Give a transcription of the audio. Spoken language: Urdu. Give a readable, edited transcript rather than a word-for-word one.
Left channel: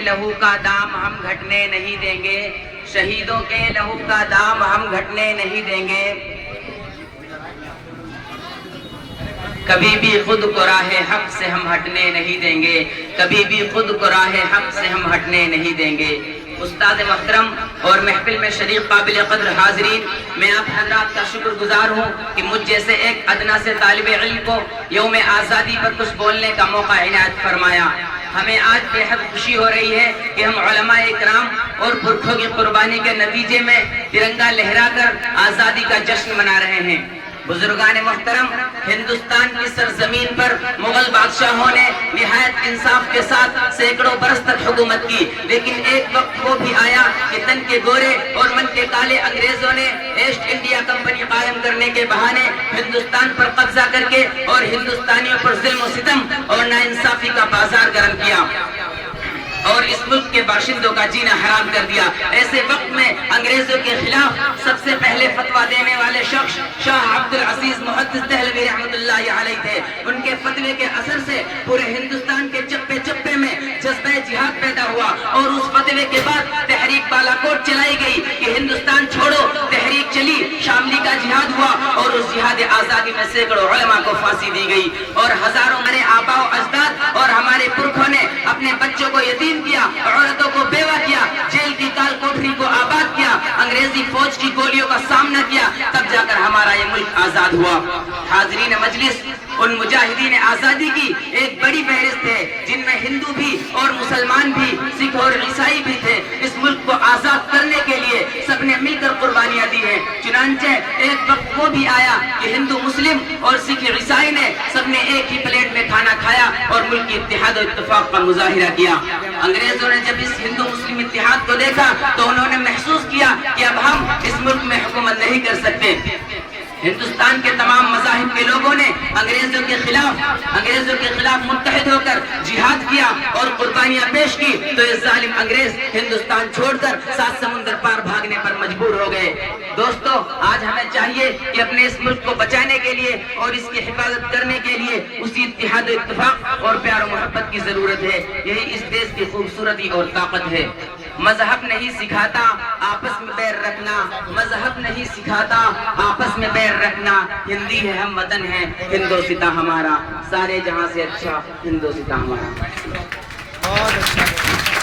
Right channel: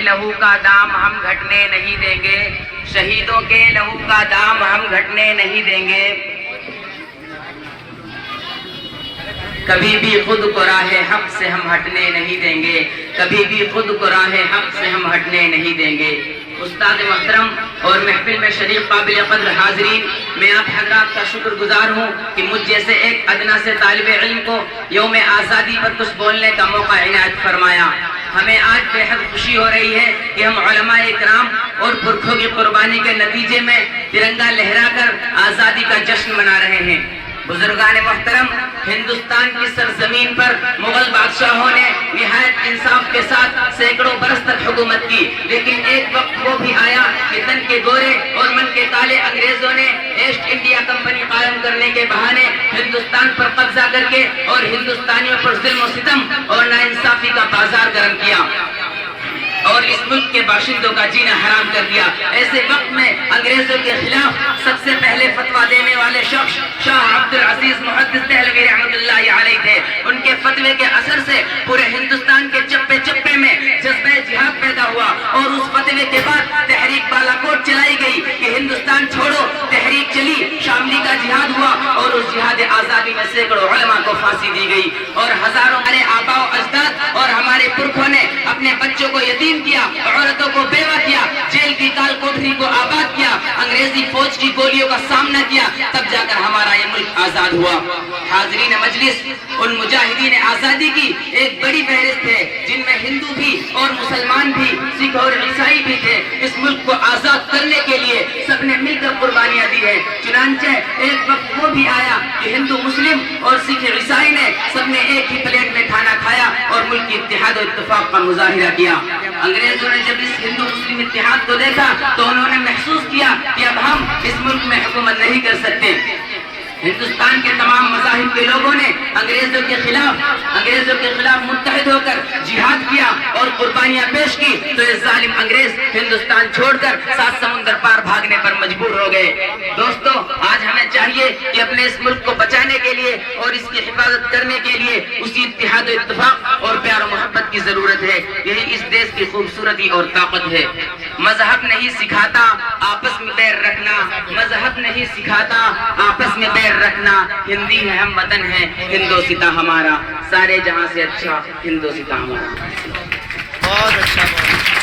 لہو کا دام ہم گھٹنے نہیں دیں گے، شہیدوں کے لہو کا دام ہم گھٹنے نہیں دیں گے، کبھی بھی خود کو راہ حق سے ہم ہٹنے نہیں دیں گے، کبھی بھی خود کو راہ حق سے ہم ہٹنے نہیں دیں گے۔ استاد محترم اور محفل میں شریف قابل قدر حاضرین، میں آپ حضرات کا شکر گزار ہوں کہ مجھ جیسے ایک ادنا سے طالب علم کو یوم آزادی پر کچھ بولنے کا موقع عنایت فرمایا۔ ہمیں آج بے حد خوشی ہو رہی ہے کہ ہم علماء اکرام اور پرکھوں کی قربانی کے نتیجے میں ترنگا لہرا کر آزادی کا جشن منا رہے ہیں۔ بزرگان محترم، ہندوستان کی سرزمین پر مغل بادشاہوں نے نہایت انصاف کے ساتھ سینکڑوں برس تک حکومت کی، لیکن ایک وقت وہ بھی آیا کہ تن کے گورے اور من کے کالے انگریزوں نے ایسٹ انڈیا کمپنی قائم کرنے کے بہانے ہندوستان پر قبضہ کر کے اور ہندوستانیوں پر ظلم و ستم اور ناانصافی کا بازار گرم کیا اور اس ملک کے باشندوں کا جینا حرام کر دیا۔ ایسے وقت میں انگریزوں کے خلاف سب سے پہلے فتویٰ دینے والے شخص شاہ عبد العزیز محدث دہلوی رحمۃ اللہ علیہ تھے۔ ان کے فتوے کے اثر سے پورے ہندوستان کے چپے چپے میں جذبہ جہاد پیدا ہوا اور اس فتوے کے بعد تحریک بالا کوٹ چلائی گئی کہ ہندوستان چھوڑو، تحریک چلی، شاملی کا جہاد ہوا اور اس جہاد آزادی میں سینکڑوں علماء کو پھانسی دی گئی اور ہزاروں ہمارے آباء و اجداد اور ہمارے پرکھوں نے اپنے بچوں کو یتیم کیا، عورتوں کو بیوہ کیا، جیل کی کال کوٹری کو آباد کیا، انگریزی فوج کی گولیوں کا سامنا کیا، تب جا کر ہمارا یہ ملک آزاد ہوا۔ حاضرین مجلس، ان مجاہدین آزادی کی ایک بڑی فہرست ہے جن میں ہندو بھی اور مسلمان بھی، سکھ اور عیسائی بھی تھے۔ اس ملک کو آزاد کرنے کے لیے سب نے مل کر قربانیاں دی ہیں۔ چنانچہ ایک وقت وہ بھی آیا کہ ہندو مسلم اور سکھ عیسائی نے سب نے ایک ہی پلیٹ میں کھانا کھایا اور ملک کی اتحاد و اتفاق کا مظاہرہ کیا۔ انگریزوں نے جب اس ہندو مسلم اتحاد کو دیکھا تو انہوں نے محسوس کیا کہ اب ہم اس ملک میں حکومت نہیں کر سکتے۔ ہندوستان کے تمام مذاہب کے لوگوں نے انگریزوں کے خلاف متحد ہو کر جہاد کیا اور قربانیاں پیش کی تو یہ ظالم انگریز ہندوستان چھوڑ کر 7 سمندر پار بھاگنے پر مجبور ہو گئے۔ دوستو، آج ہمیں چاہیے کہ اپنے اس ملک کو بچانے کے لیے اور اس کی حفاظت کرنے کے لیے اسی اتحاد و اتفاق اور پیار و محبت کی ضرورت ہے۔ یہی اس دیش کی خوبصورتی اور طاقت ہے۔ مذہب نہیں سکھاتا آپس میں بیر رکھنا، مذہب نہیں سکھاتا آپس میں بیر رکھنا، ہندی ہے ہم وطن ہے ہندوستاں ہمارا، سارے جہاں سے اچھا ہندوستاں ہمارا۔ بہت اچھا۔